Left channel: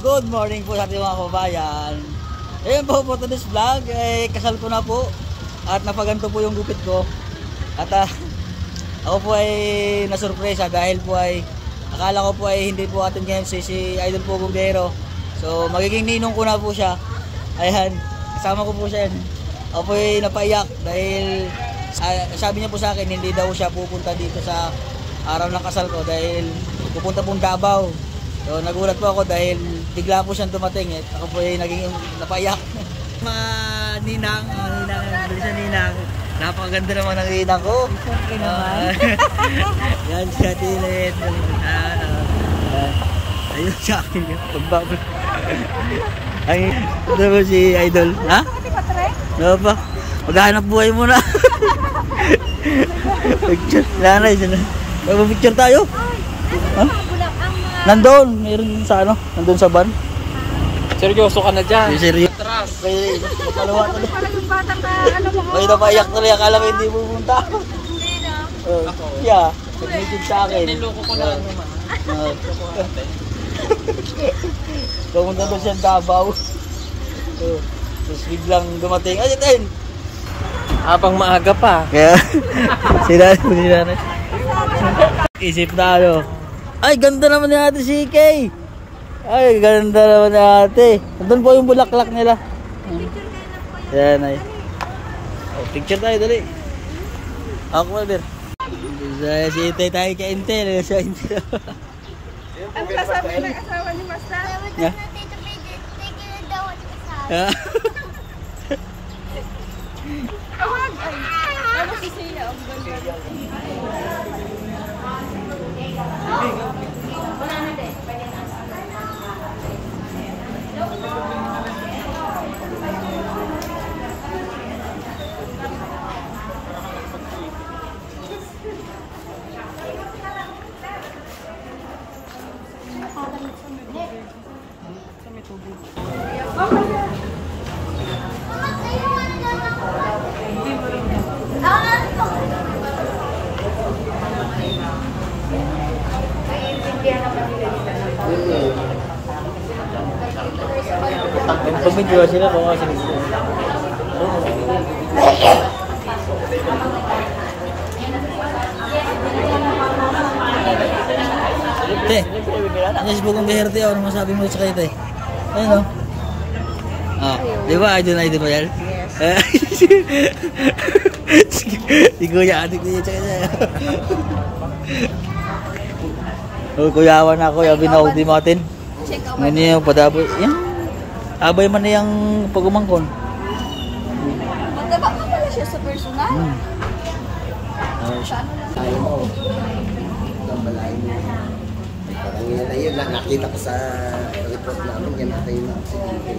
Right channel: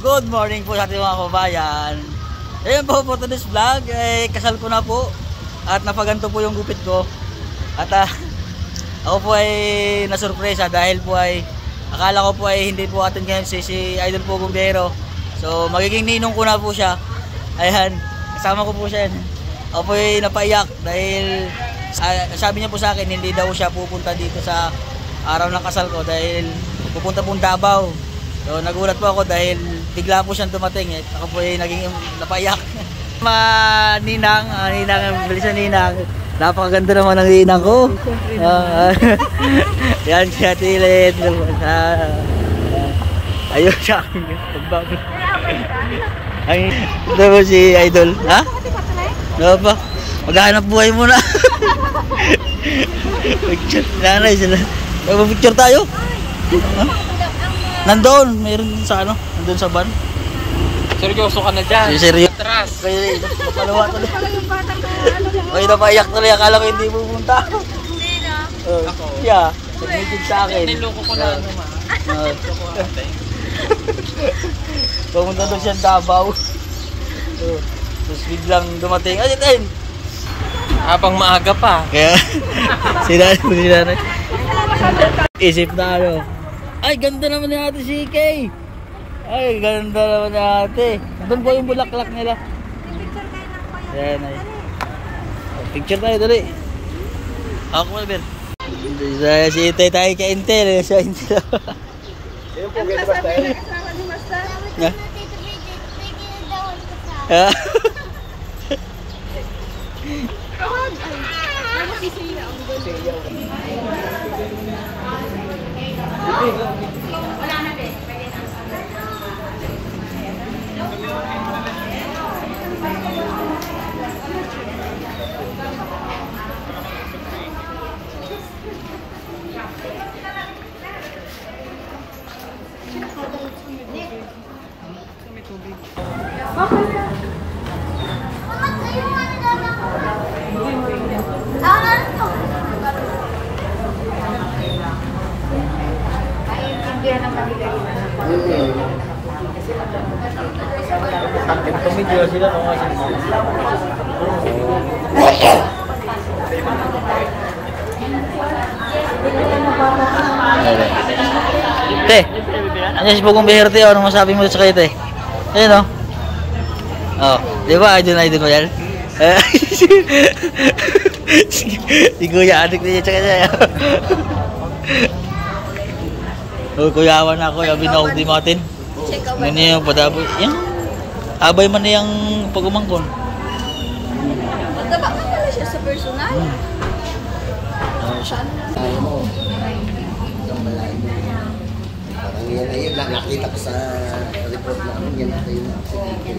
good morning po sa ating mga kabayan. Ayun po for today's vlog, kasal ko na po at napaganto po yung gupit ko. At ako po ay nasurpresa dahil po ay akala ko po ay hindi po atin ngayon si Idol po Gumbero. So magiging ninong ko na po siya. Ayan, kasama ko po siya. Ako po ay napaiyak dahil sabi niya po sa akin hindi daw siya pupunta dito sa araw ng kasal ko dahil pupunta pong Davao. So nagulat po ako dahil bigla po siyang dumating ako po ay naging napaiyak. Ninang, bilisan ninang. Napakaganda naman ng ninang ko. Yan siya tilit. Ayun sa akin. Pagbabot. Ay, ito po si Idol. Ha? Ano pa? Maghahanap buhay muna. Picture. Nanay sila. Nagpa-picture tayo? Ha? Nandoon, mayroon sa nandoon sa van. Seryoso ka na dyan. Seryoso. Atras. Kaya napalawa tuloy. May napaiyak tuloy. Akala ko hindi pupunta. Hindi na. Ako? Yeah. Nag-message sa akin. Niloko ko na naman. Niloko ate. Pumunta doon siya Davao. Tapos biglang dumating. Ayun. Habang maaga pa. Kaya sila. Isip na ay, ganda naman ni ate si Kay. Ay, ganda naman ni ate. Doon po yung bulaklak nila. Yan ay. Oh, picture tayo dali. Ako Albert. Si Itay tayo ka Intel. Siya Intel. Ano kasama ni Master? Nga? Awag! Ay, tapos si Sheila ang ganda. Wala na din, pwede na. Sa may tubig. Tumigil sila. Te, ano si Pugong Beherte? Ano masabi mo sa kayo, te? Ayun o. Oh, di ba? Idol mo yan? Si Kuya, adik niya sa kanya. Oh, kuyawan ako, yabi na ako di matin. Ano yung padaboy? Yan. Abay man na yung pagumangkon. Magkabak na siya sa personal? Okay siya. Tayo mo. Ang yan na yun, nakita ko sa report namin, yan natin yung nakasagigil.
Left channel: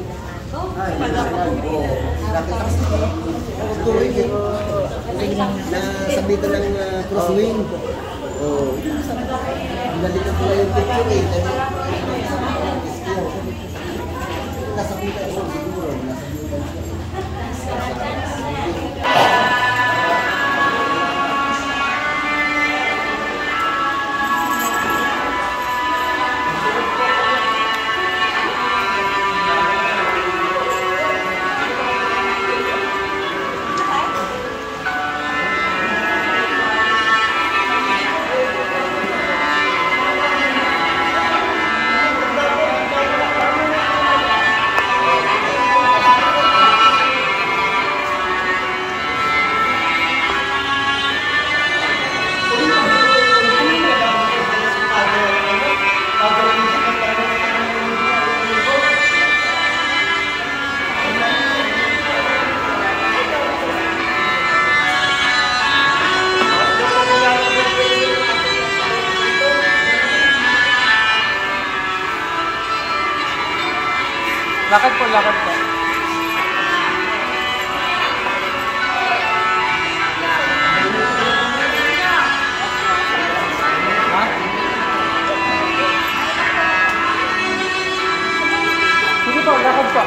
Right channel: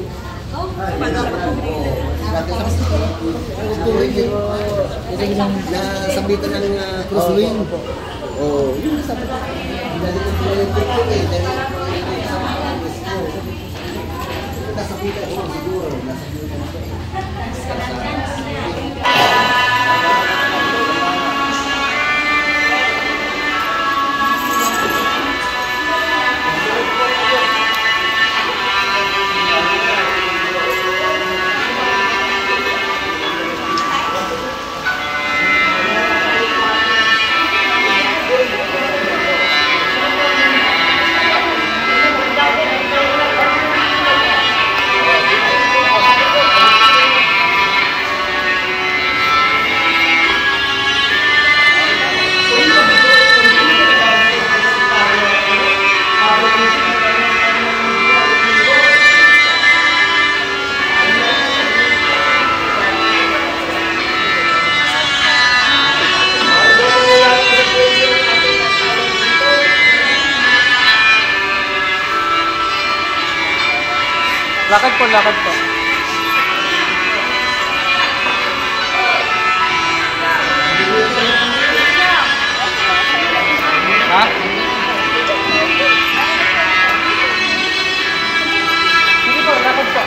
Nasabitan ng crosswind. Oo. Balik ko yung picture eh. Nasabitan ko siguro. Lakad po. Ha? Hindi po, lakad po.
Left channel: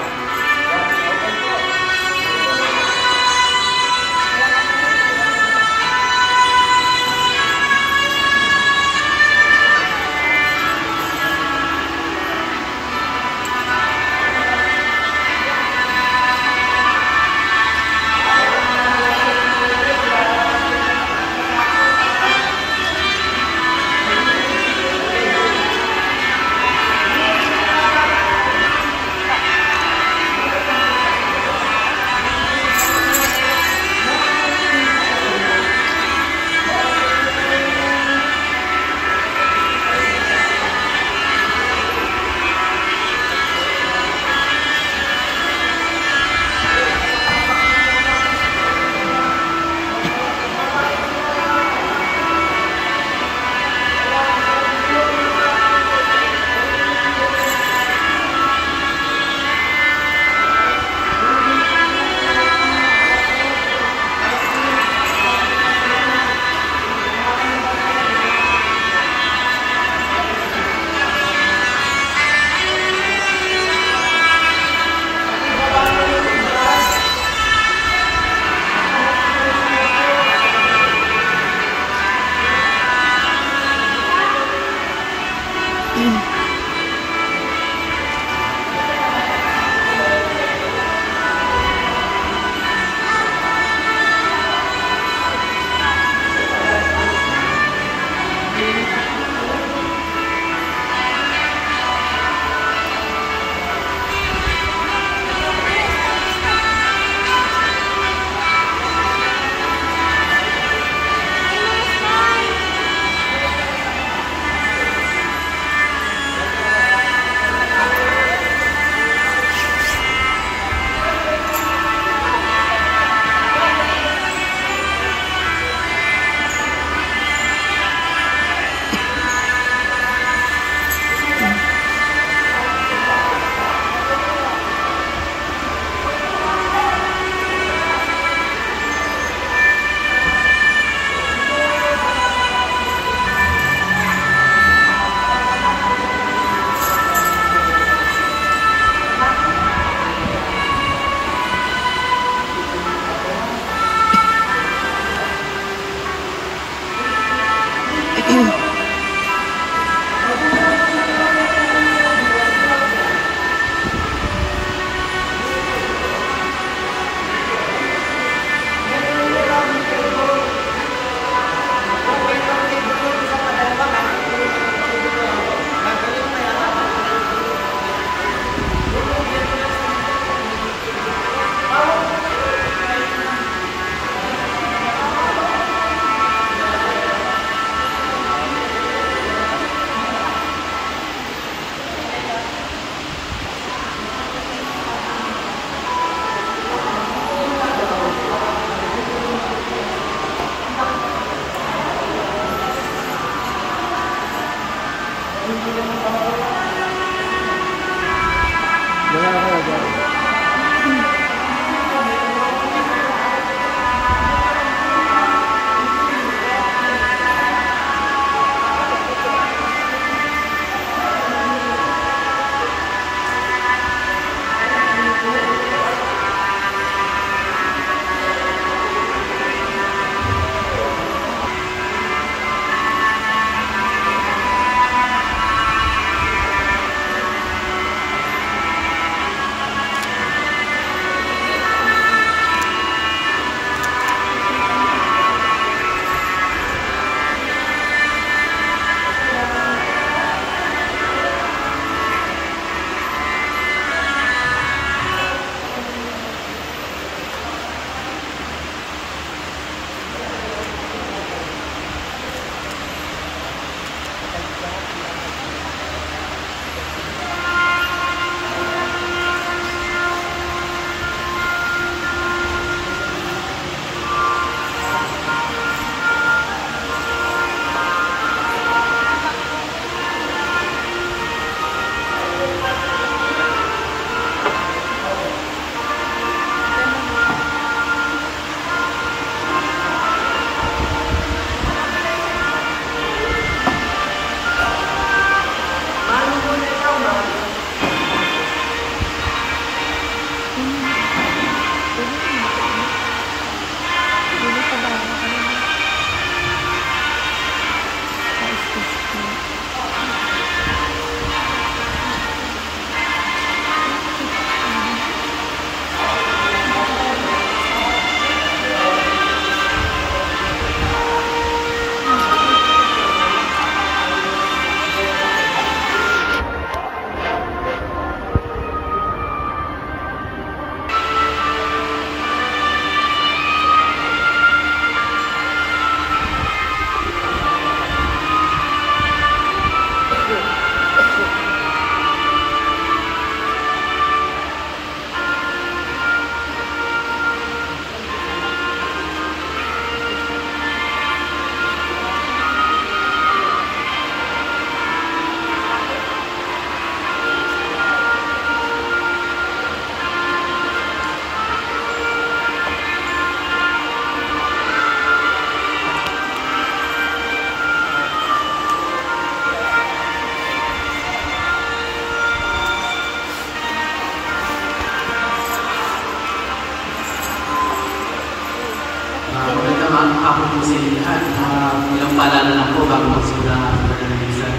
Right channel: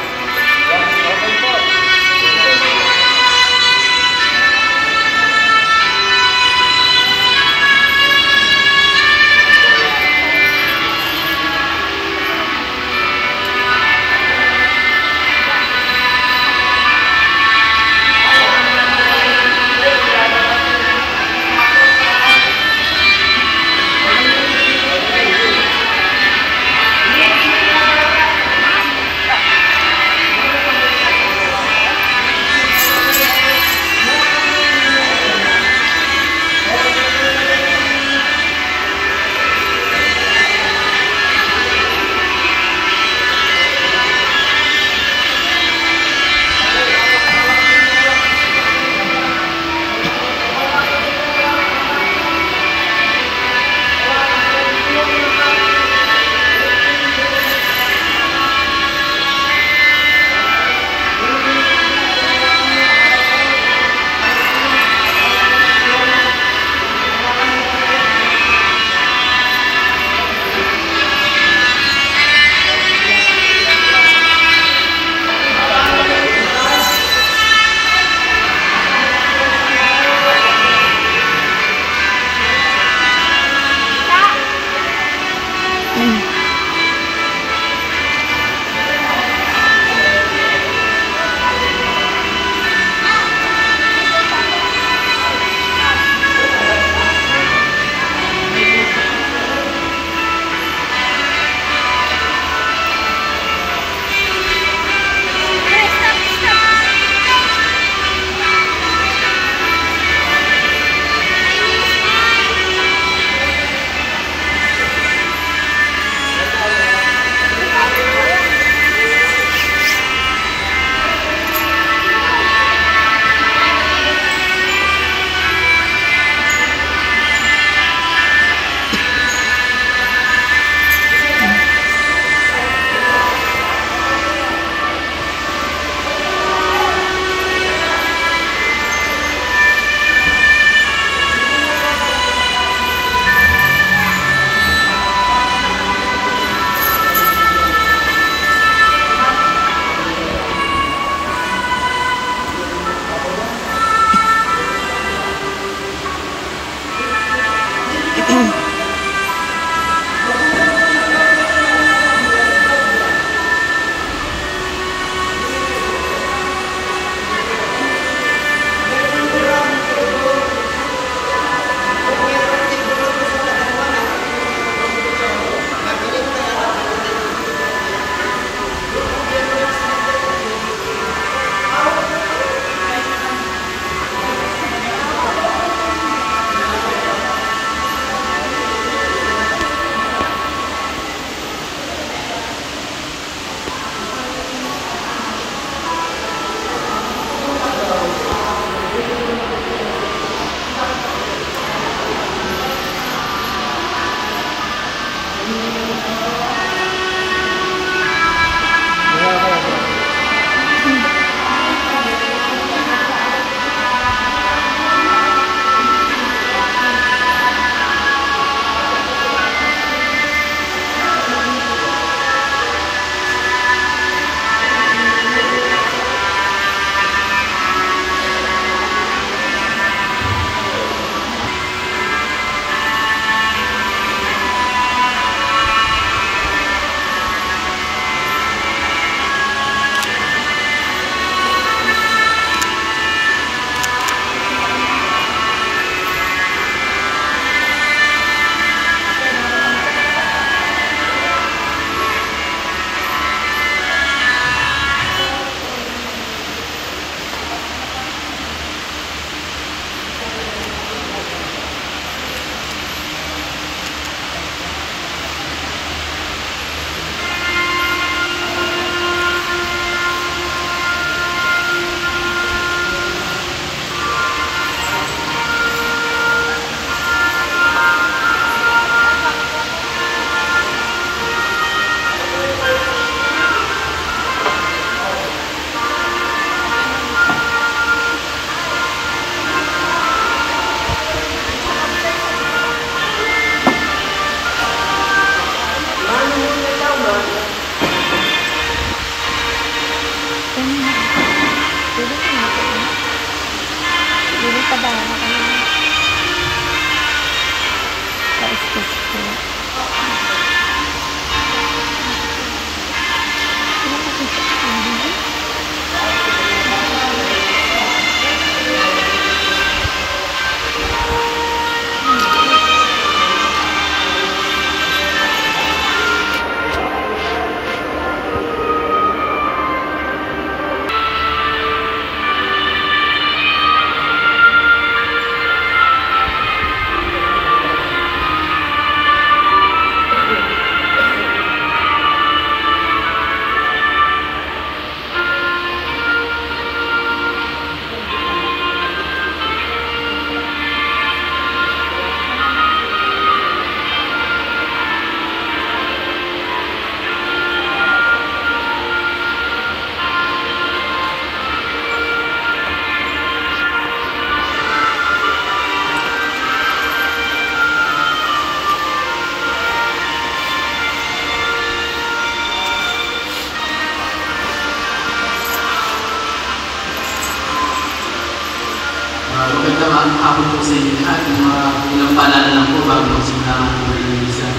ito ang hapon po sa inyo lahat. Walang paalala lang po bago magsimula ang ating mga iglesia.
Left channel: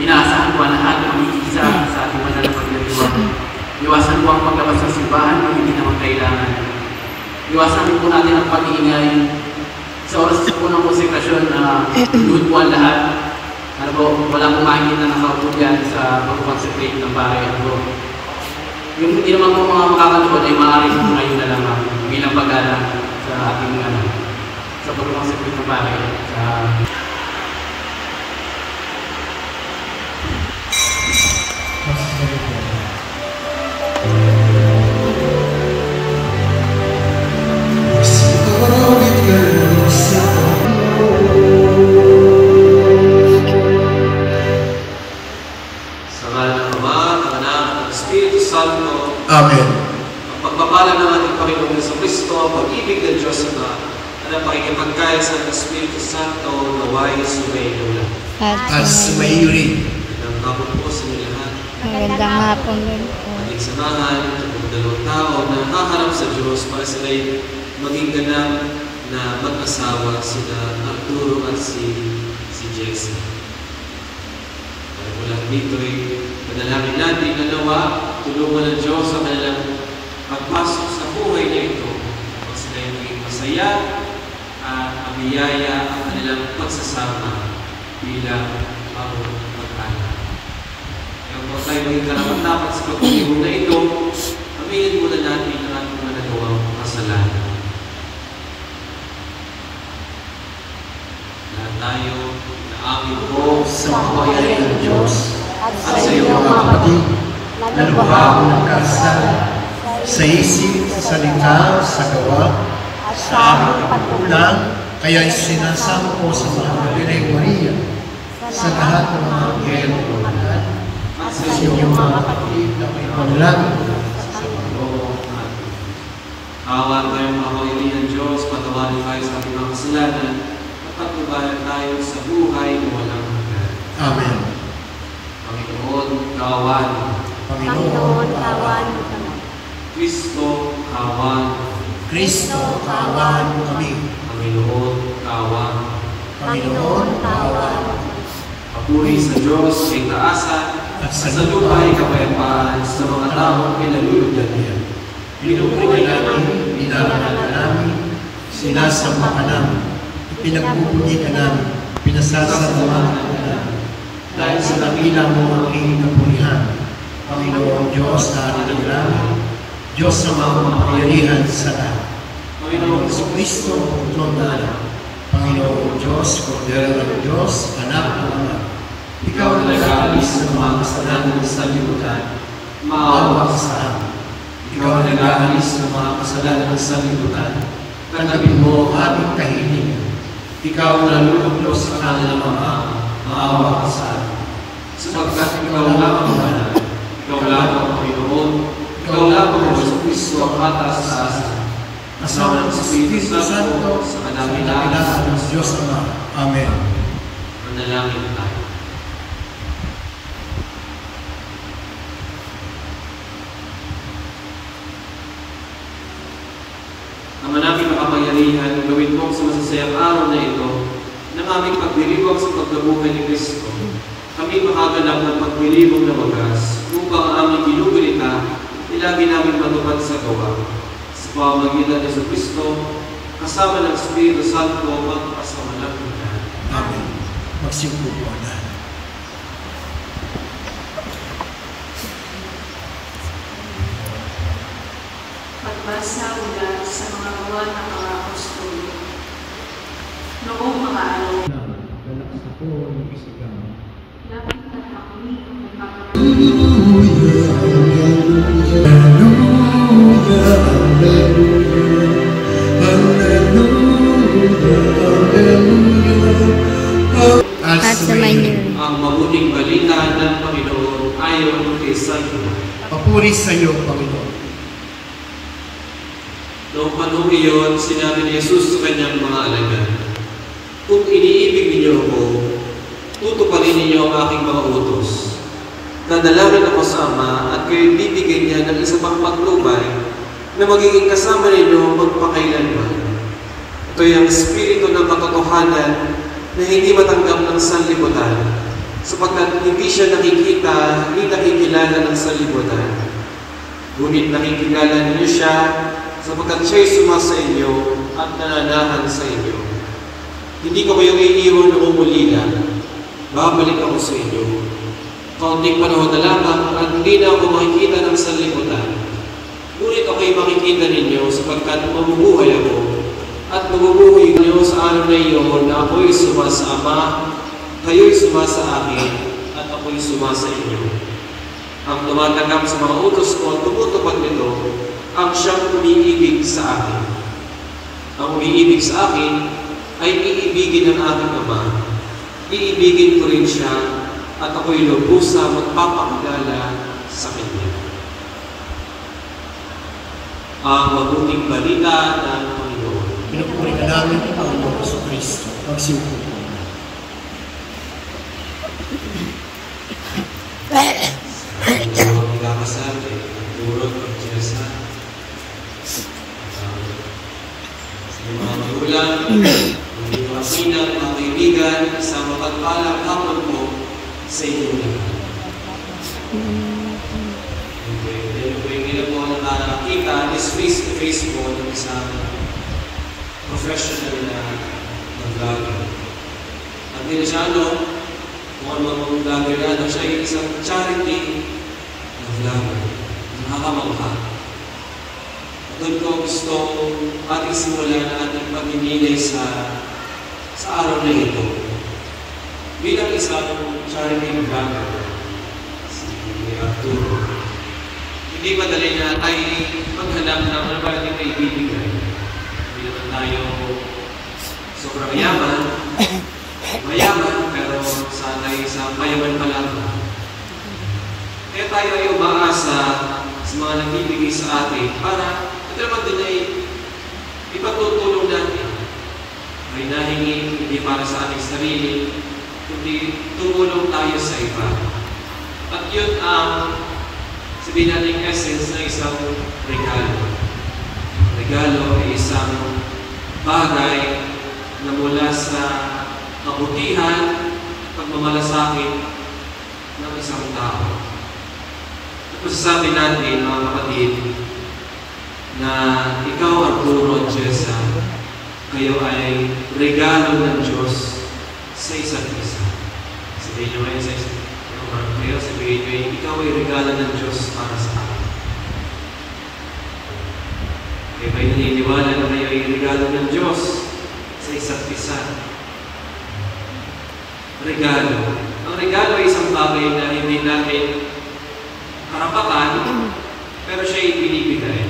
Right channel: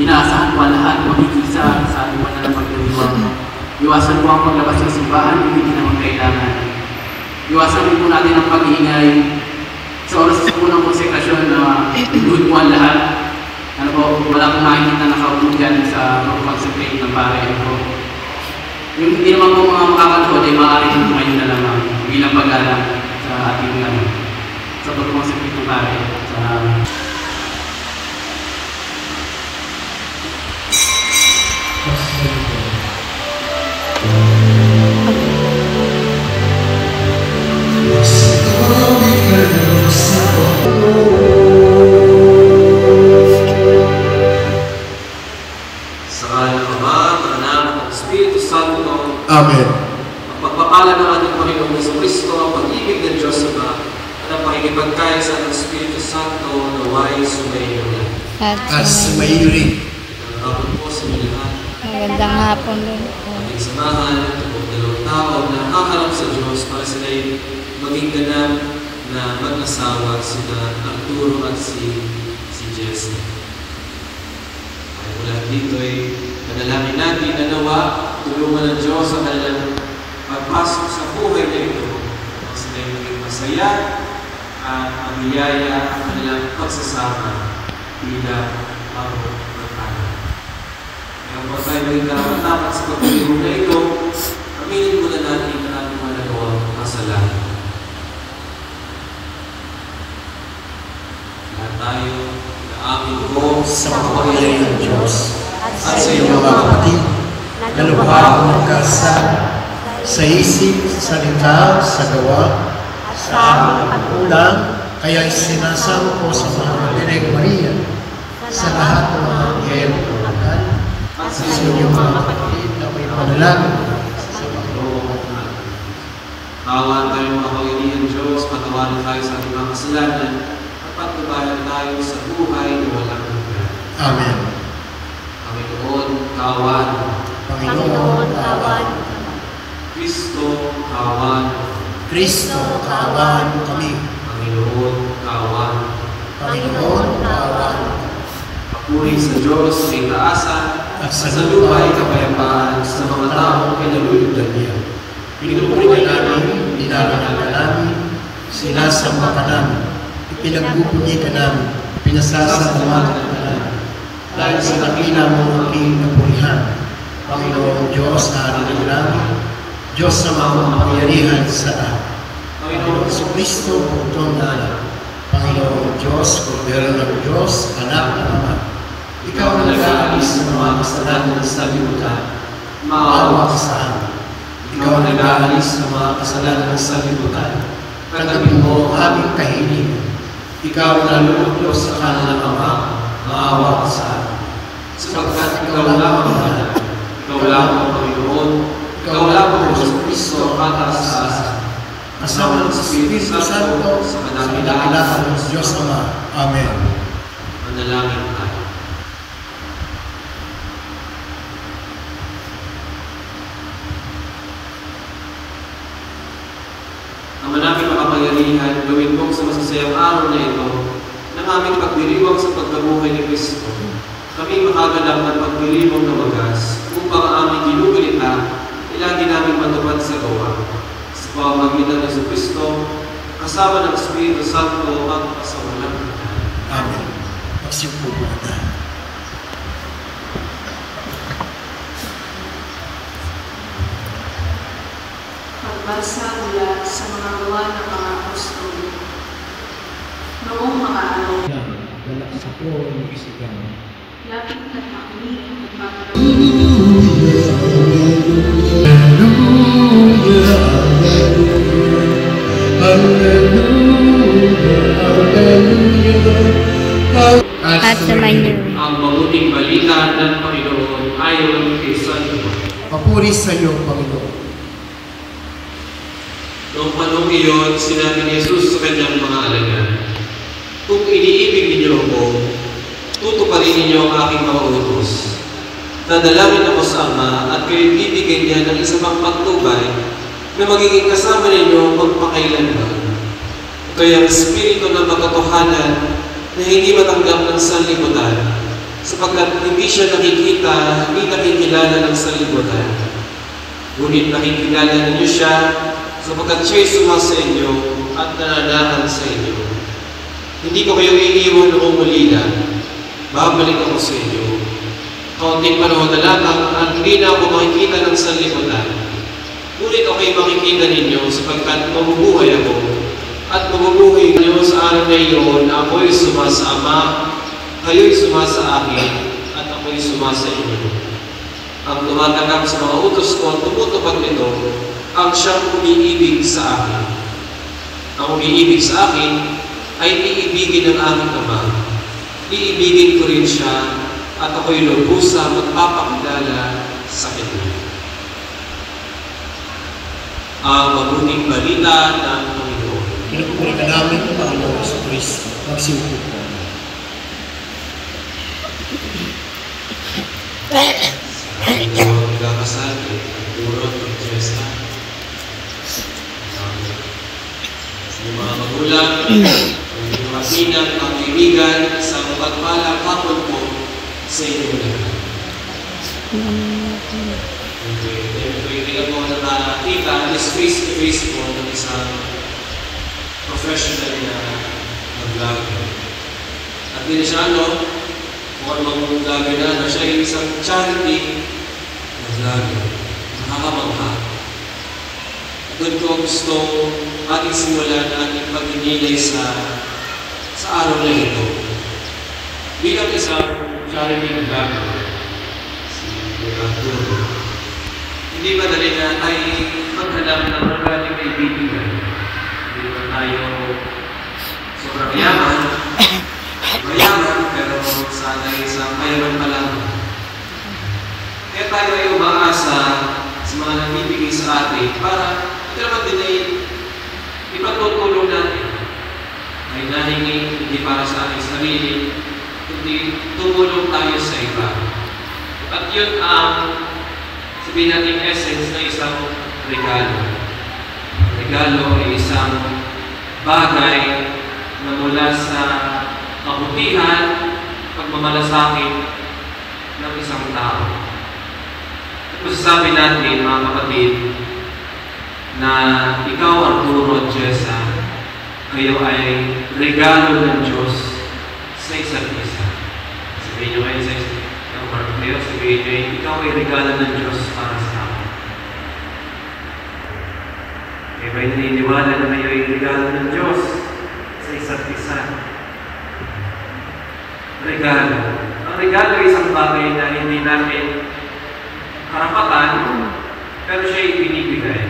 Inaasahan po lahat na umikisa sa ating mga nagpapaliwan. Iwasan po ang paglabas sa simbahan kung hindi naman kailangan. Iwasan din po natin ang pag-iingay sa oras po ng konsekrasyon na iluhin po ang lahat. Ano po, wala pong makikita na kautugan sa pagsakring ng pare. Ano po, yung hindi naman po mga makakanood ay maaaring po kayo na lang bilang pag-alang sa ating sa pagkamasakring ng pare. Amen. Pagpapala ng ating Panginoong Jesucristo, ang pag-ibig ng Diyos Ama, at ang pakikipagkaya sa Espiritu Santo, naway sumainyo na. At sumairi. Magandang hapon po sa inyo lahat. Magandang hapon din po. Ating samahan, ang dalawang tao na nakaharap sa Diyos para sila'y maging ganap na mag-asawa sina Arturo at si Jessie. Ang lahat dito ay nagalamin natin na nawa tulungan ng Diyos sa kanilang pagpasok sa buhay na ito. Tapos sila'y maging masaya at mabiyaya ang kanilang pagsasama bilang pag-pagpala. Kaya po tayo maging karapat-dapat sa pagpapilong na ito, aminin muna natin ang ating mga nagawang kasalanan. Lahat tayo na amin po Sa makapangyarihan ng Diyos at sa iyong mga kapatid na lubhang magkasala sa isip, sa salita, sa gawa, sa aming pagkukulang, kaya sinasama ko sa mga Bireng Maria, sa lahat ng mga anghel at sa iyong mga kapatid na may panalangin sa Panginoon. Awan tayo mga kawiling ng Diyos, patawarin tayo sa ating mga kasalanan, at pagtubayan tayo sa buhay na walang hanggan. Amen. Panginoon, kawan. Panginoon, kawan. Kristo, kawan. Kristo, kawan kami. Panginoon, kawan. Panginoon, kawan. Papuri sa Diyos, may taasan, At sa lupa ay kapayapaan sa mga taong pinalulugdan niya. Pinupuri namin, nilarangan ka namin, sinasamba ka namin, ipinagpupunyi ka namin, pinasasalamatan ka namin. Dahil sa nakila mo ang aking kapurihan, Panginoong Diyos na halilang namin, Diyos na makapangyarihan sa lahat. Panginoong Jesucristo, Pagtong Dala, Panginoong Diyos, Kordero ng Diyos, Anak ng Ama, Ikaw na nag-aalis ng mga kasalanan sa libutan, maawa ka sa amin. Ikaw na nag-aalis ng mga kasalanan sa libutan, tanggapin mo ang aming kahilingan. Ikaw na luluklos sa kanilang Ama, maawa ka sa amin. Sapagkat ikaw lang ang mahal, ikaw lang ang Panginoon, ikaw lang ang Jesucristo ang kataas-taasan. Kasama ng Espiritu Santo sa kadakilaan ng Diyos Ama. Amen. Manalangin tayo. Ang manaming makapangyarihan, gawin mo sa masasayang araw na ito, ng aming pagdiriwang sa pagkabuhay ni Kristo. Kami makaganap ng pagdiriwang na wagas, upang ang aming ginugalita, ilagi namin matupad sa gawa. Sa pamamagitan ng Kristo, kasama ng Espiritu Santo at sa walang hanggan. Amen. Magsiupo po na. Pagbasa mula sa mga gawa ng mga apostol. Noong mga araw, Wala ka sa po, mag-isigan. lapit na kami at mga At sa Manila. Ang mabuting balita ng Panginoon ayon kay San Juan. Papuri sa iyo, Panginoon. Noong panahon iyon, sinabi ni Jesus sa kanyang mga alagad, kung iniibig ninyo ako, tutuparin ninyo ang aking mga utos. Dadalangin ako sa Ama at kayo'y bibigyan niya ng isa pang patnubay na magiging kasama ninyo magpakailanman. Ito'y ang espiritu ng katotohanan na hindi matanggap ng sanlibutan, sapagkat hindi siya nakikita, hindi nakikilala ng sanlibutan. Ngunit nakikilala ninyo siya, sapagkat siya'y sumasa inyo at nananahan sa inyo. Hindi ko kayo iiwan ng umulila, babalik ako sa inyo. Kaunting panahon na lamang at hindi na ako makikita ng sanlibutan. Ngunit ako'y makikita ninyo sapagkat mabubuhay ako at mabubuhay ninyo sa araw na iyon na ako'y sumasa Ama, kayo'y sumasa akin, at ako'y sumasa inyo. Ang tumatanggap sa mga utos ko at tumutupad nito, ang siyang umiibig sa akin. Ang umiibig sa akin ay iibigin ng aming Ama. Iibigin ko rin siya at ako'y lubusa magpapakilala sa kanya. Ang mabuting balita ng Panginoon. Pinagpuri ka namin ang Panginoon sa Kristo. Magsiupo po. Ang magkakasal ay Arturo at Jessa. Sa mga magulang, ang mga pinag, ang kaibigan, sa mapagpalang hapon po sa inyo lahat. Hindi po nakakita, just face-to-face po ng isang professional na mag-vlogger. At din siya, kung anong vlogger na, siya ay isang charity na vlogger. Nakakamangha. At doon ko gusto ating simulan ating pag-inilay sa araw na ito. Bilang isang charity vlogger, si Arturo, hindi madali na tayo maghanap ng magaling kaibigan. Hindi naman tayo sobrang mayaman, pero sana'y sa mayaman pa lang. Kaya tayo ay umaasa sa mga nagbibigay sa atin para ito naman din ay ipatutulong natin. Ay nahingi hindi para sa ating sarili, kundi tumulong tayo sa iba. At yun ang sabihin natin essence na isang regalo. Regalo ay isang bagay na mula sa kabutihan, pagmamalasakit ng isang tao. At masasabi natin, mga kapatid, na ikaw, Arturo at Jessa, kayo ay regalo ng Diyos sa isa't isa. Sabihin nyo kayo sa isa't isa. Sabihin nyo, ikaw ay regalo ng Diyos para sa akin. Kaya ba'y naniniwala na kayo ay regalo ng Diyos sa isa't isa? Regalo. Ang regalo ay isang bagay na hindi natin karapatan, pero siya ay binibigay.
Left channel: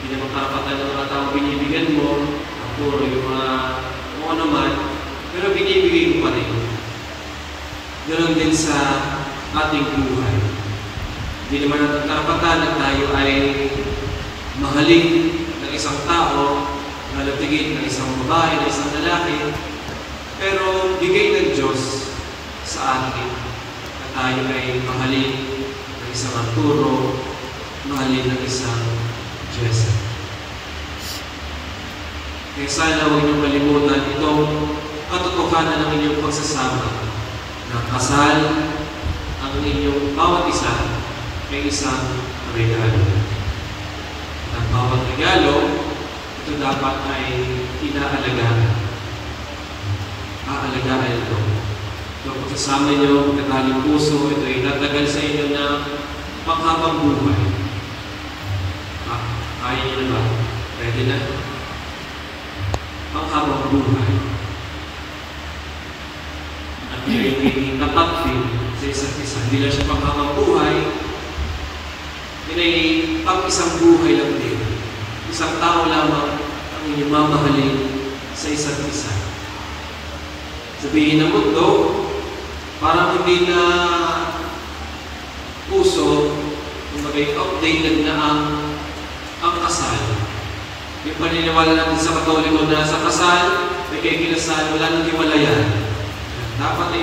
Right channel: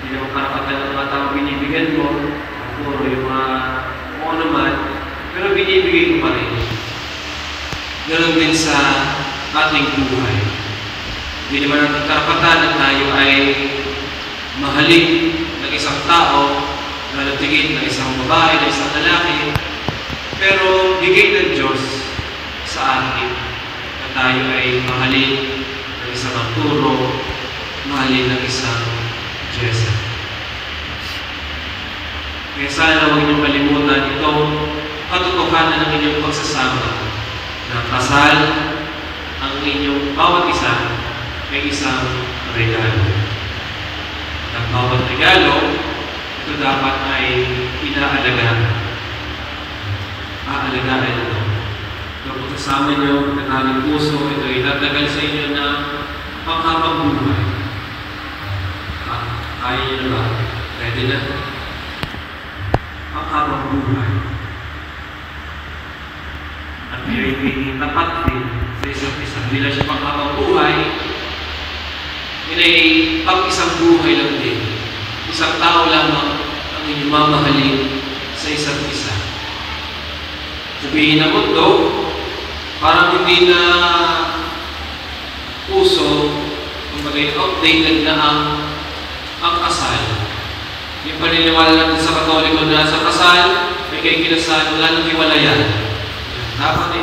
Hindi naman karapatan ng mga tao binibigyan mo, puro yung mga mo naman, pero binibigay mo pa rin. Ganun din sa ating buhay. Hindi naman ang karapatan na tayo ay mahalin ng isang tao, nalatigin ng isang babae, ng isang lalaki, pero bigay ng Diyos sa atin na tayo ay mahalin ng isang Arturo, mahalin ng isang Jessa. Kaya sana huwag niyong kalimutan itong katotohanan ng inyong pagsasama na kasal ang inyong bawat isa ay isang regalo. At ang bawat regalo, ito dapat ay inaalagaan. Aalagaan ito. Ito pagsasama niyo, pagkakaling puso, ito ay tatagal sa inyo na panghabang buhay. Kaya niyo na ba? Pwede na? Panghabang buhay. At hindi tapat din sa isa't isa. Hindi lang siya panghabang buhay, yun ay pang-isang buhay lang din. Isang tao lamang ang inyong mamahalin sa isa't isa. Sabihin ng mundo, parang hindi na puso, kung maging outdated na ang kasal. Yung paniniwala natin sa Katoliko na sa kasal, may kaikinasal, wala nang hiwalayan. Dapat ay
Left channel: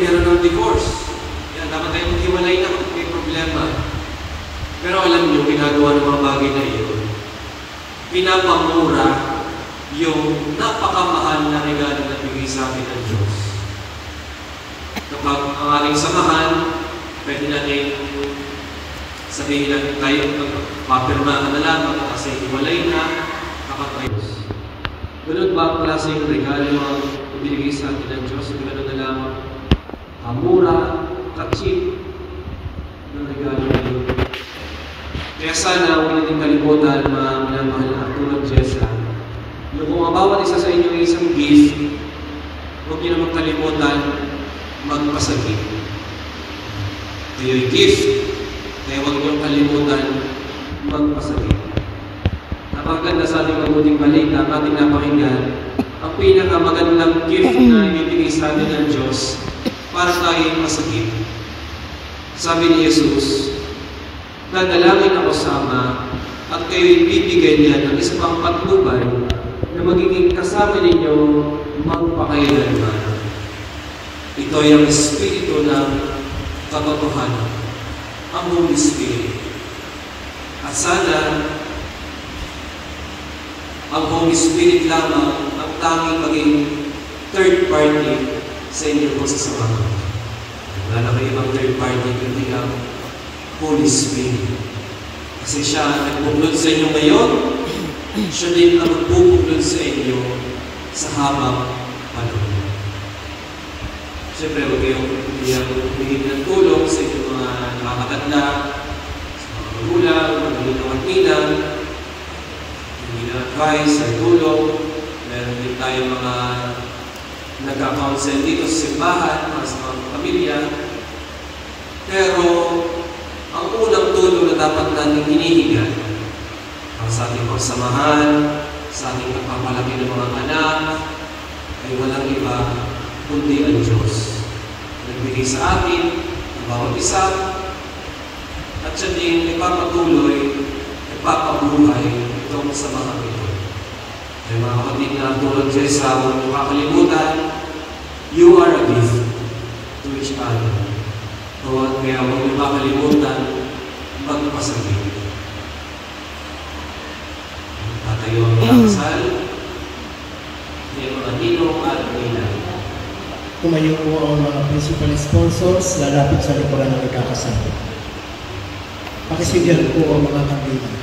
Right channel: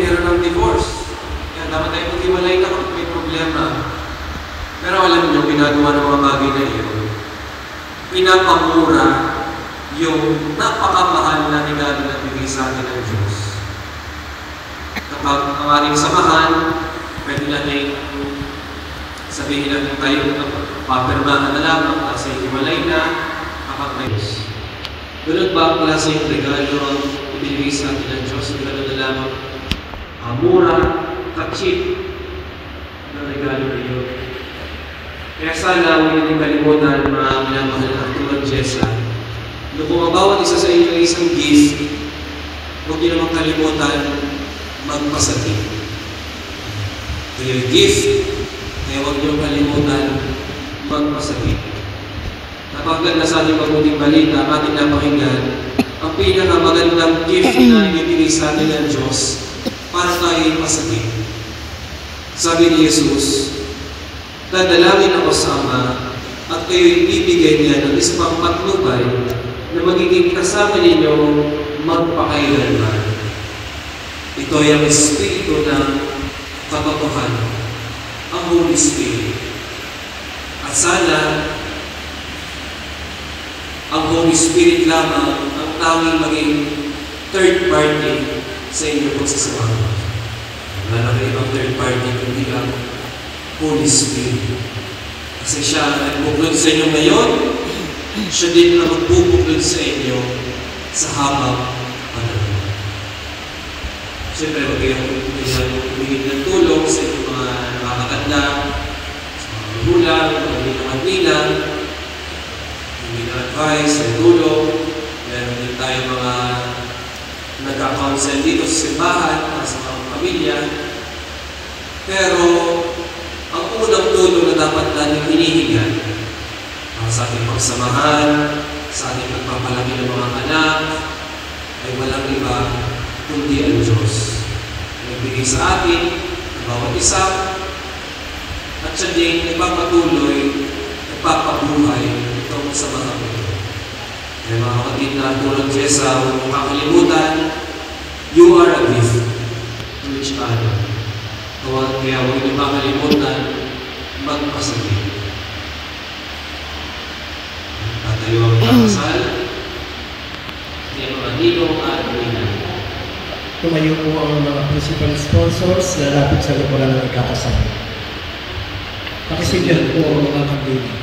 meron ng divorce. Yan, dapat ay maghiwalay na kung may problema. Pero alam nyo, pinagawa ng mga bagay na yun, pinapamura tayong samahan, pwede natin sabihin na tayo papirmahan na lamang kasi iwalay na kakapayos. Ganun ba pala sa yung regalo ang ibinigay sa atin ng Diyos? Ganun na lamang mura, ka-cheap na regalo na yun. Kaya sana huwag natin kalimutan mga minamahal na Arturo at Jessa. Kung bumabawat isa sa inyo isang gift, huwag niyo naman kalimutan magpasakit. Ito yung gift, kaya huwag niyo kalimutan magpasakit. Napaganda sa ating mabuting balita, ating napakinggan, ang pinakamagandang gift na ibigay sa atin ng Diyos para tayo pasakit. Sabi ni Jesus, dadalangin ako sa Ama at kayo'y bibigay niya ng isang patnubay na magiging kasama ninyong magpakailanman. Ito ay ang Espiritu ng katotohanan, ang Holy Spirit. At sana, ang Holy Spirit lamang ang tanging maging third party sa inyong pagsasama. Wala na kayo ibang third party, kundi lang Holy Spirit. Kasi siya ang nagbuklod sa inyo ngayon, siya din ang magbubuklod sa inyo sa habang panahon. Siyempre, huwag kayong humingi ng tulong sa inyong mga nakakatanda, sa mga magulang, mga ginawat-nilang, humingi ng advice, ng tulong. Meron din tayo mga nagka-counsel dito sa simbahan para sa mga pamilya. Pero, ang unang tulong na dapat natin hinihingan sa ating pagsamahan, sa ating pagpapalaki ng mga anak, ay walang iba kundi ang Diyos. Nagbigay sa atin ang bawat isa, at siya din nagpapatuloy, nagpapabuhay itong samahan ito. Kaya mga kapatid na Arturo at Jessa, huwag mong kakalimutan, you are a gift to each other. Kaya huwag niyong kakalimutan magpasakit. Tayo ang ipakasal, hindi ang mga ninong at ninang. Tumayo po ang mga principal sponsors, lalapit sa likuran ng ikakasal. Pakisigyan po ang mga kandila.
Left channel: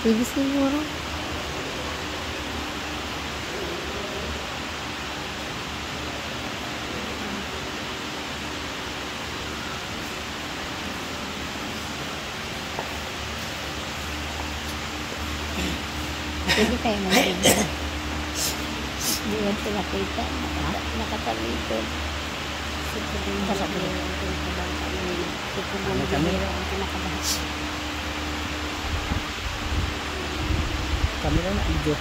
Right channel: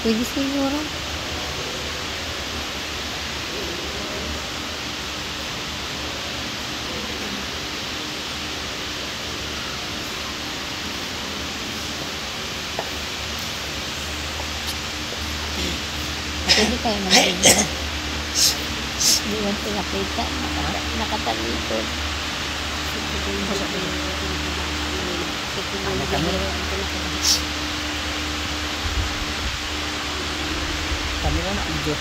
Pwede siguro. Pwede kayo mag-video. Hindi mo pinakita. Nakatalikod. Kami na ang Diyos.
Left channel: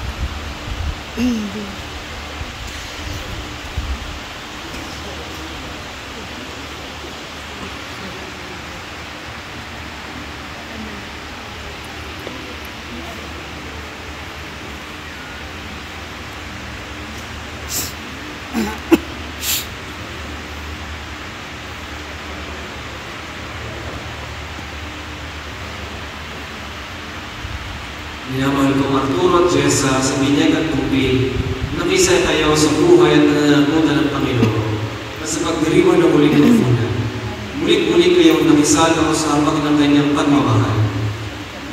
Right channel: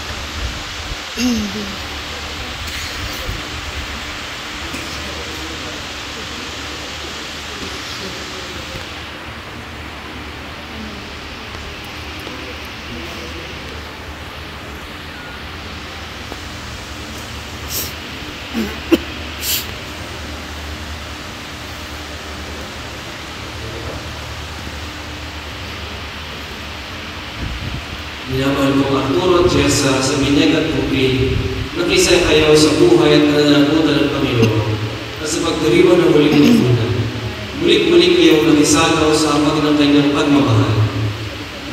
Minamahal kong Arturo at Jessa sa binyag at tubig, nakisa kayo sa buhay at nananagutan ng Panginoon at sa pagdiriwan ng muling nafunan. Muling-muling kayong nakisalaw sa hapag ng kanyang pagmamahal.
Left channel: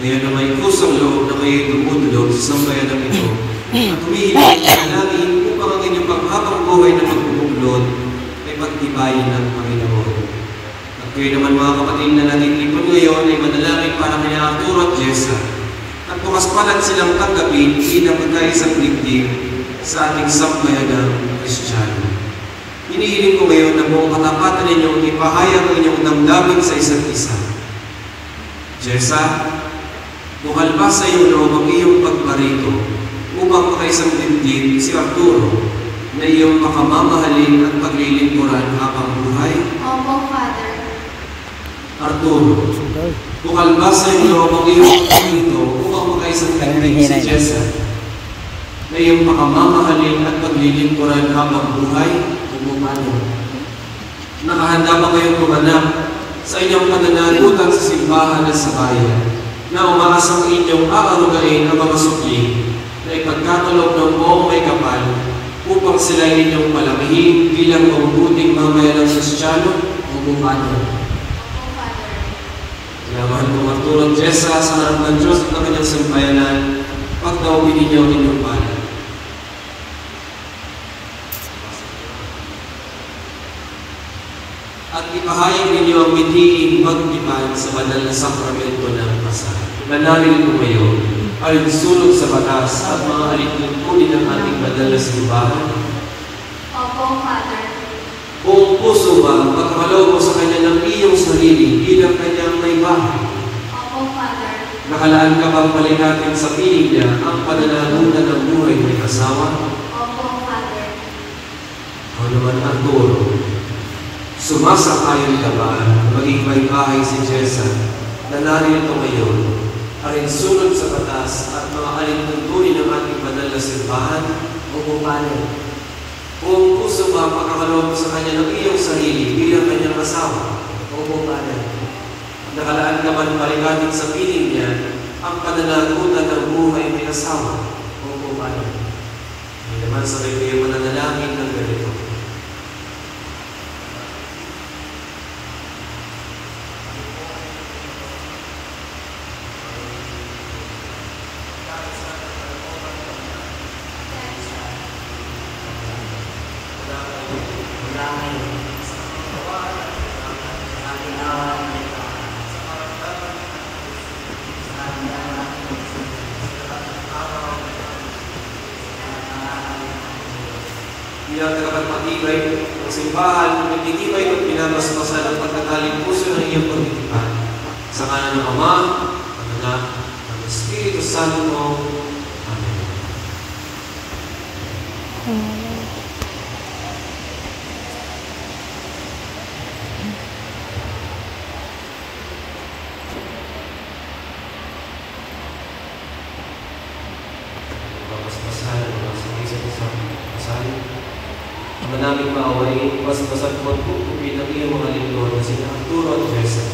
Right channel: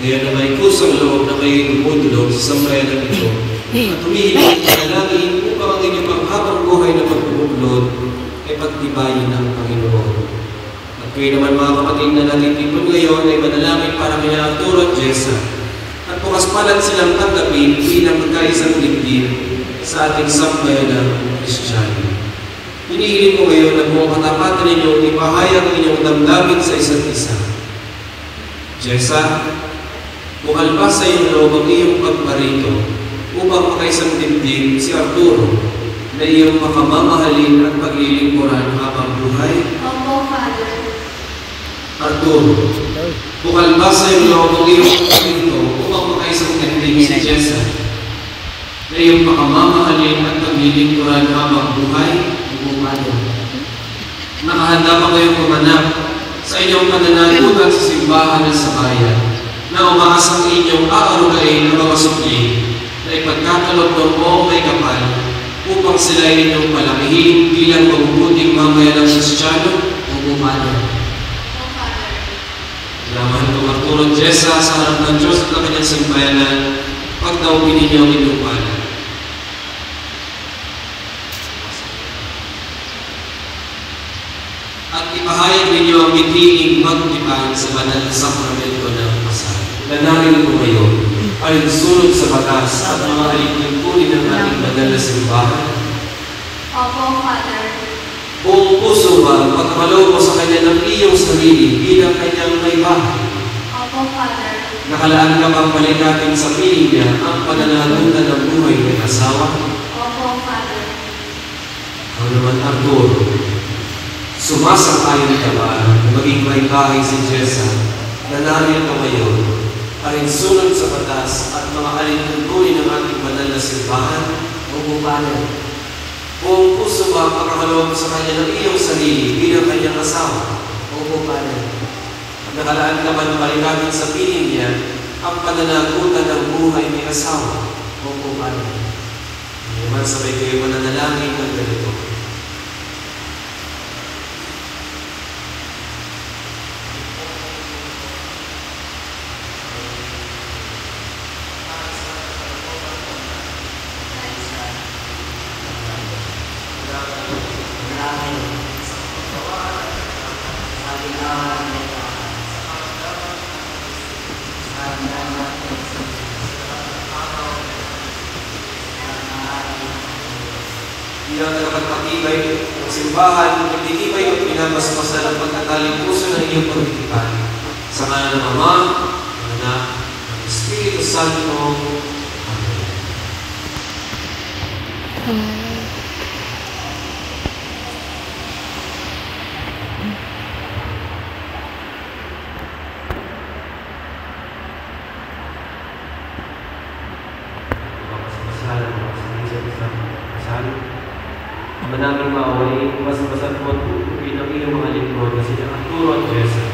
Ngayon na may kusang loob na kayo lumudulog sa sambayanan ito at humihiling ng dalangin upang ang inyong panghabang buhay na magbubuklod ay pagtibayin ng Panginoon. At kayo naman mga kapatid na natitipon ngayon ay manalangin para kina Arturo at Jessa. Bukas palat silang tanggapin bilang magkaisang lingkid sa ating sambayanang Kristiyano. Hinihiling ko ngayon na buong katapatan ninyong ipahayag ang inyong damdamin sa isa't isa. Jessa, bukal pa sa iyong loob ang iyong pagparito upang makaisang lingkid si Arturo na iyong makamamahalin at paglilingkuran habang buhay? Opo, Father. Arturo, bukal ba sa iyong loob ang iyong pagparito upang makaisang lingkid si Jessa na ay iyong pakamamahalin at paglilingkuran habang buhay. Nakahanda pa kayong pumanap sa inyong pananagutan sa simbahan at sa bayan, na umaasang inyong aarugain ng mga supli na ipagkakalob ng buong may kapal upang sila inyong palamihin bilang mabubuting mamayan ng Kristiyano o bumano. Lamahan ko ng tulong Jessa sa harap ng Diyos at ng kanyang simbayanan, pagdaupin ninyo ang inyong pala. At ipahayag ninyo ang bitiing magdipan sa banal na sakramento ng kasal. Nanalin ko ngayon ay sulod sa batas at mga alingkunin ng ating banal na simbahan. Opo, Father. Buong puso ba pagkakalob mo sa kanya ng iyong sarili bilang kanyang may bahay? Opo, Father. Nakalaan ka bang palikatin sa piling niya ang pananagutan ng buhay ng asawa? Opo, Father. Ang naman Arturo, sumasakayon ka ba maging may bahay si Jessa na narito ngayon alinsunod sa batas at mga alintuntunin ng ating banal na simbahan? Opo, Father. Kung puso ba pagkakalob sa kanya ng iyong sarili bilang kanyang asawa? Opo, Father. Nakalaan ka ba ng palikatin sa piling niya ang pananagutan ng buhay ng asawa? Opo, Father. Naman sabay kayo mananalangin ng ganito. Bilang nakapagpatibay ng simbahan, nagtitibay at pinamasmasan ang pagkataling puso ng iyong pagtitipan. Sa ngalan ng Ama, ng Anak, ng Espiritu Santo. Amen. Manaming maawain, mas-masat mo at pupupin ang iyong mga lingkod na sila Arturo at Jessa.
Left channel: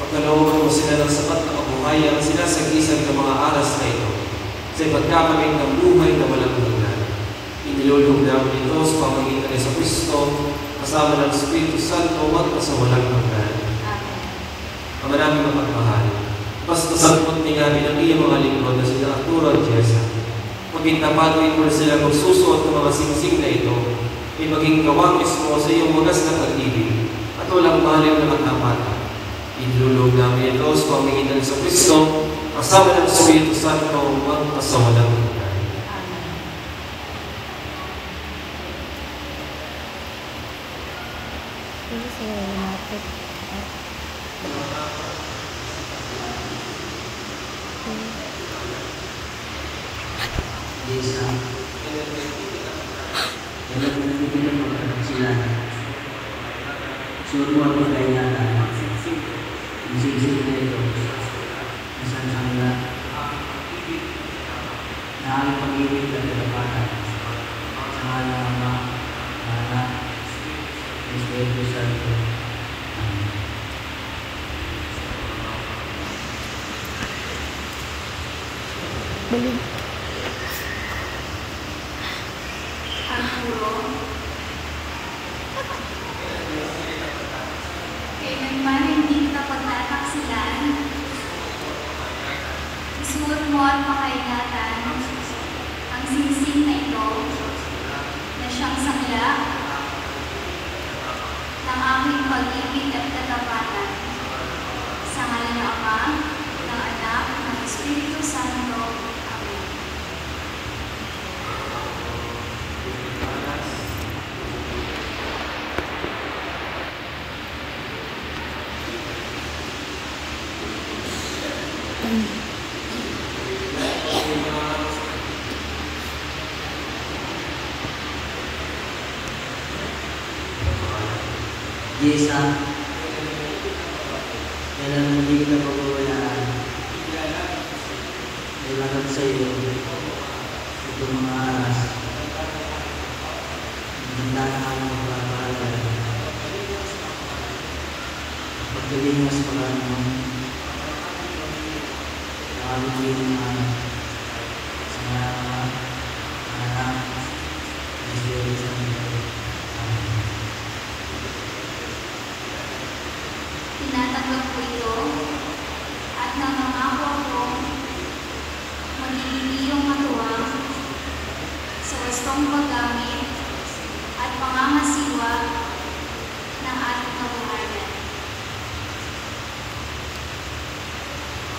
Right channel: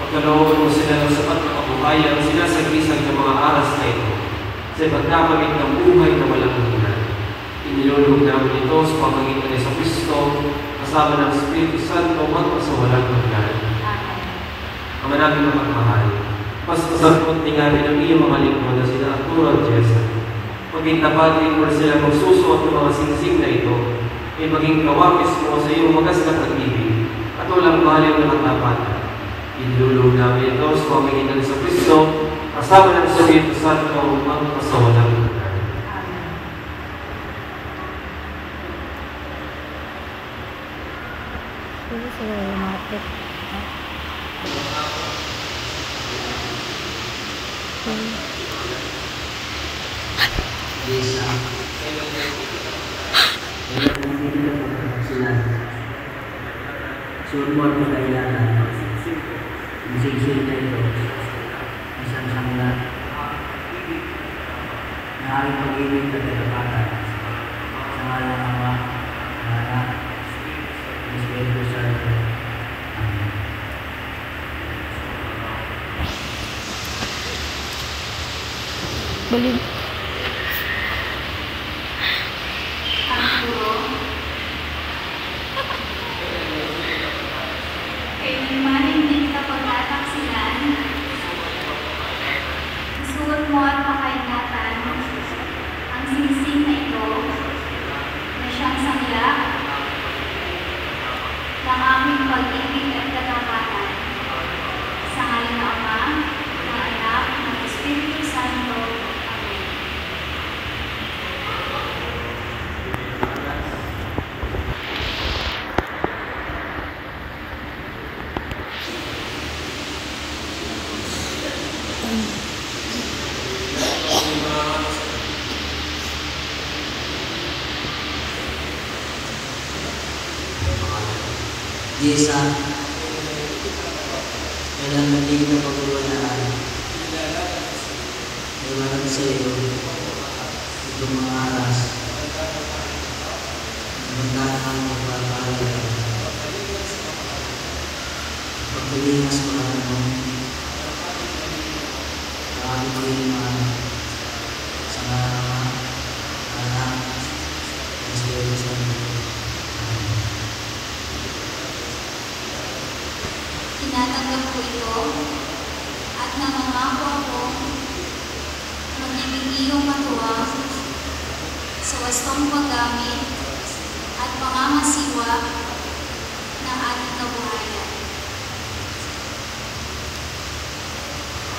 Pagkalooban mo sila ng sapat na kabuhayan, sila sa gisag ng mga aras na ito, sa pagkakamit ng buhay na walang hanggan. Inilulog namin ito sa pamagitan ni sa Kristo, kasama ng Espiritu Santo at sa walang hanggan. Ang manaming mapagmahal, mas-masat mo at tingarin ang iyong mga lingkod na sila Arturo at Jessa. Pagkintapatin mo sila magsusuot ng mga singsing na ito, ay maging kawakis mo sa iyong wagas na pag-ibig at walang mahal na katapatan. Inululog namin ito sa pamagitan sa Kristo, kasama ng Espiritu Santo at sa walang hanggan. Suruan mo kailangan isig-isig na ito isang sangla na ang pag-ibig at katapatan sa ngalan ng Ama, ng Anak, ng Espiritu Santo. Amen. Balik. Isuot mo at makaingatan ang singsing na ito na siyang sangla ng aming pag-ibig at katapatan sa ngalan ng Ama, ng Anak, ng Espiritu Santo. Amen. Jessa, kailan mo hindi ko napapawala kailangan sa iyo itong mga Galing mas pagkakaan. Marami din sa mga anak, Tinatanggap ko ito at nangangako ako magiging matuwa sa wastong paggamit at pangangasiwa ng ating kabuhayan.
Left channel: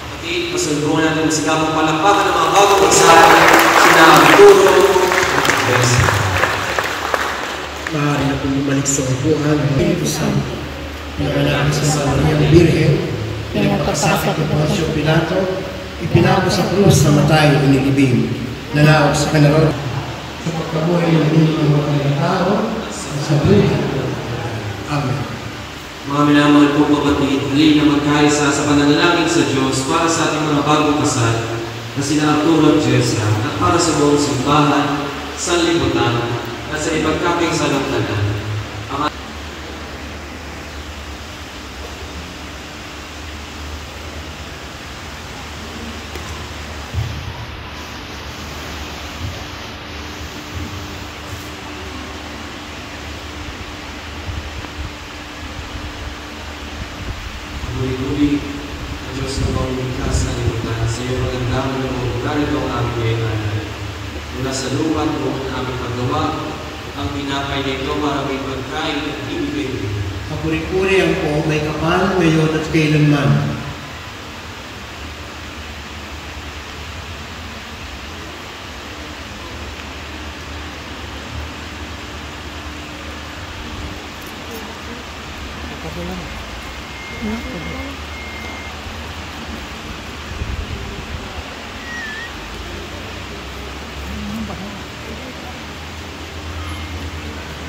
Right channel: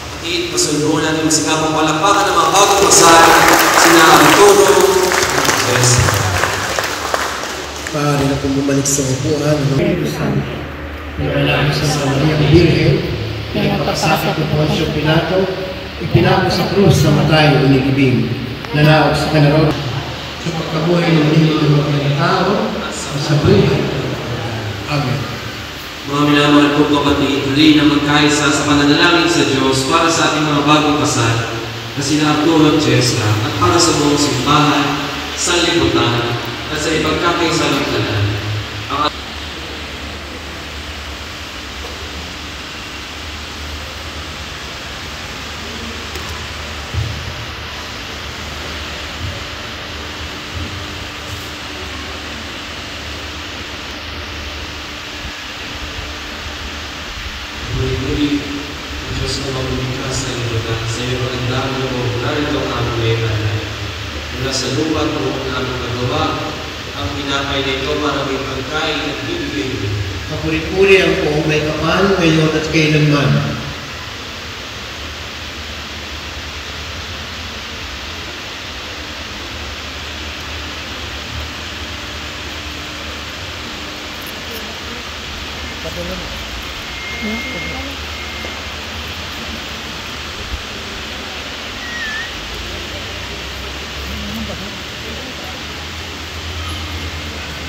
At pasalubungan natin sa kapong palakpakan ng mga bagong kasal, sina Arturo at Jessa. Maaari na kung bumalik sa upuan, na kailangan sa Mariang Birhen, pinagpapakasakit ng Poncio Pilato, ipinako sa krus na matay o nilibing, nalaok sa kanaroon sa pagkabuhay ng mga tao sa buhay. Amen. Mga minamahal po kapatid, hali na magkaisa sa pananalangin sa Diyos para sa ating mga bagong kasal na sina Arturo at Jessa at para sa buong simbahan, sa liputan at sa ipagkakaisalamtanan. Muli-muli, Diyos na mamumigkas sa liputan, sa iyo ang dami ng ugali ng aming nanay. Mula sa lupa mo ang aming nagawa, ang pinakay na ito para may pagkain at bibigay mo. Kapuri-puri ang po, may kapal, ngayon at kailanman.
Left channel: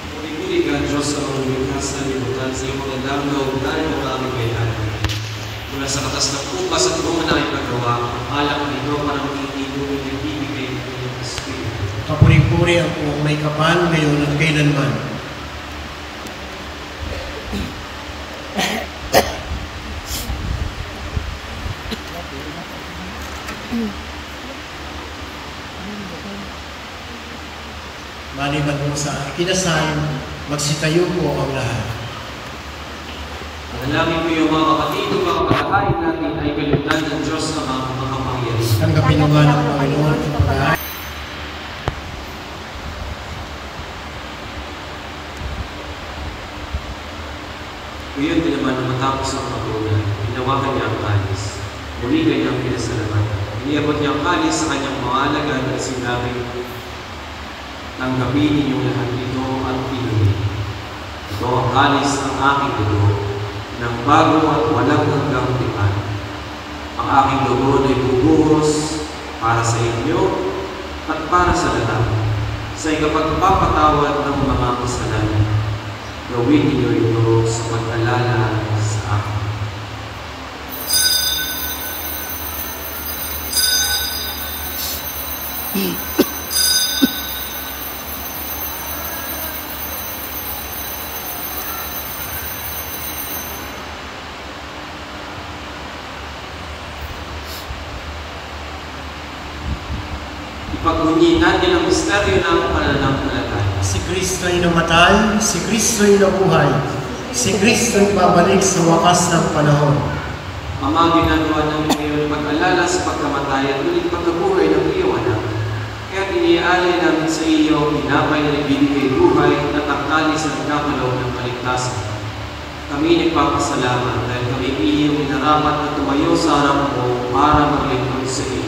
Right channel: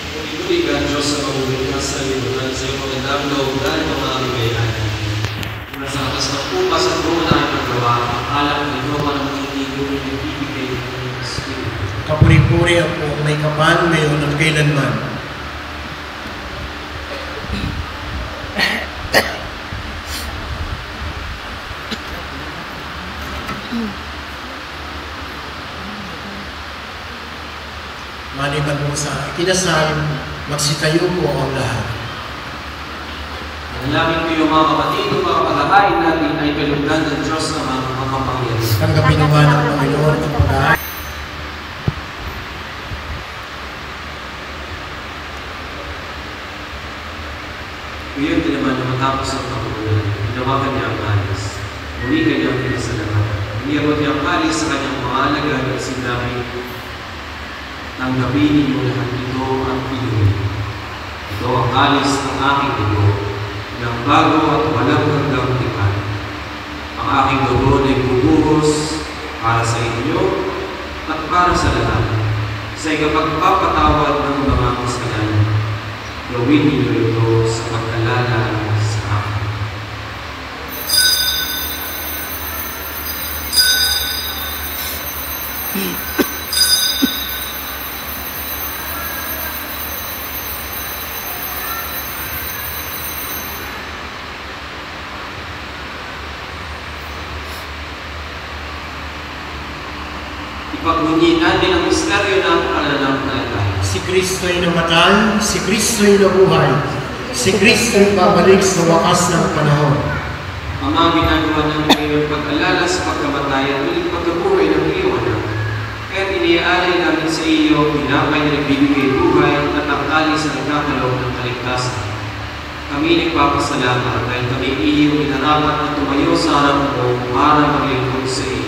Muli-muli ka, Diyos na mamumigkas sa liputan, sa iyo ang dami ng ugali ng aming bayani. Mula sa katas ng upas at bunga na aming paggawa, alam na ito para magiging ng bibigay ng Espiritu. Kapuri-puri ang po, may kapal, ngayon at kailanman. Maliban mo sa kinasal, magsitayo po ang lahat. Ang langit ko yung mga kapatid, yung mga kapatid natin ay pinagdan ng Diyos na mga makapangyarihan. Tanggapin naman ng Panginoon ang pag-aay. Ngayon din naman matapos ang pagkakulan, hinawakan niya ang kalis. Muli kayo ang pinasalamat. Iniabot niya ang kalis sa kanyang mga alagad at sinabi, tanggapin ninyo lahat ito ang inuwi. Ito ang kalis ng aking dugo, ng bago at walang hanggang tipan. Ang aking dugo na ibubuhos para sa inyo at para sa lahat, sa ikapagpapatawad ng mga kasalanan. Gawin ninyo ito sa pag-alala sa akin. Ipagunyin natin ang misteryo ng pananampalataya. Si Kristo'y namatay, si Kristo'y nabuhay, si Kristo'y babalik sa wakas ng panahon. Ama, ginagawa namin ngayon pag-alala sa pagkamatay at ulit pagkabuhay ng iyong anak. Kaya iniaalay namin sa iyo, pinapay na nagbibigay buhay at natangkali sa nagkakaloob ng kaligtasan. Kami nagpapasalamat dahil kami iyong inarapat na tumayo sa harap mo para maglingkod sa iyo.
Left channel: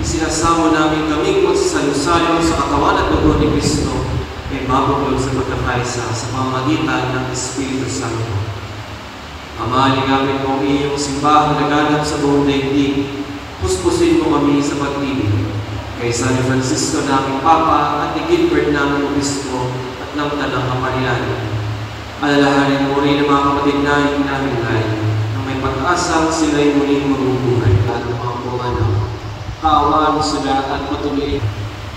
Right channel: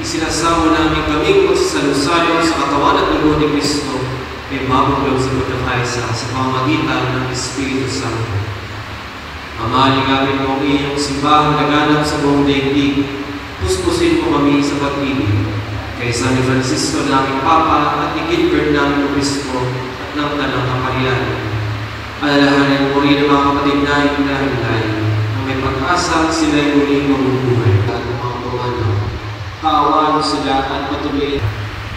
Isinasamo namin kaming magsasalusalo sa katawan at dugo ni Kristo ay mabukol sa pagkakaisa sa pamagitan ng Espiritu Santo. Ama, ligawin mo ang iyong simbahang laganap sa buong daigdig. Puspusin mo kami sa pag-ibig. Kay San Francisco naming Papa at ni Gilbert naming Obispo ng Tanang Kaparian. Alalahanin mo rin ang mga kapatid namin hinahilay na may pag-asang sila'y muling mabubuhay at mga bumanan. Kaawaan mo sila at patuloy.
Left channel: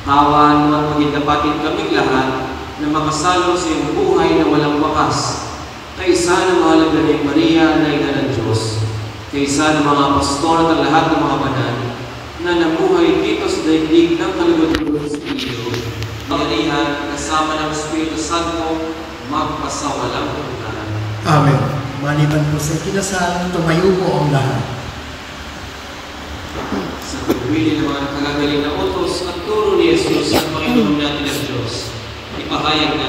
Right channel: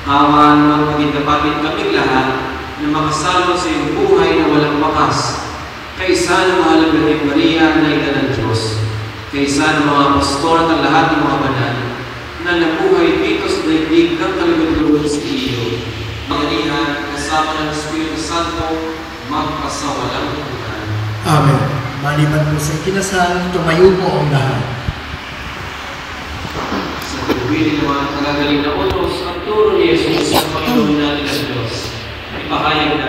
Kaawaan mo at maging dapatin kaming lahat na makasalo sa iyong buhay na walang bakas. Kaisa ng mahal na Birheng Maria na ina ng Diyos, kaisa ng mga pastor at lahat ng mga banal na nabuhay dito sa daigdig ng kalugod-lugod sa iyo, magalihan kasama ng Espiritu Santo, magpasawalang hanggan. Amen. Maliban po sa kinasal, tumayo po ang lahat. Sa pagpili ng mga kagagaling na utos at turo ni Jesus sa Panginoon natin sa Diyos, ipahayag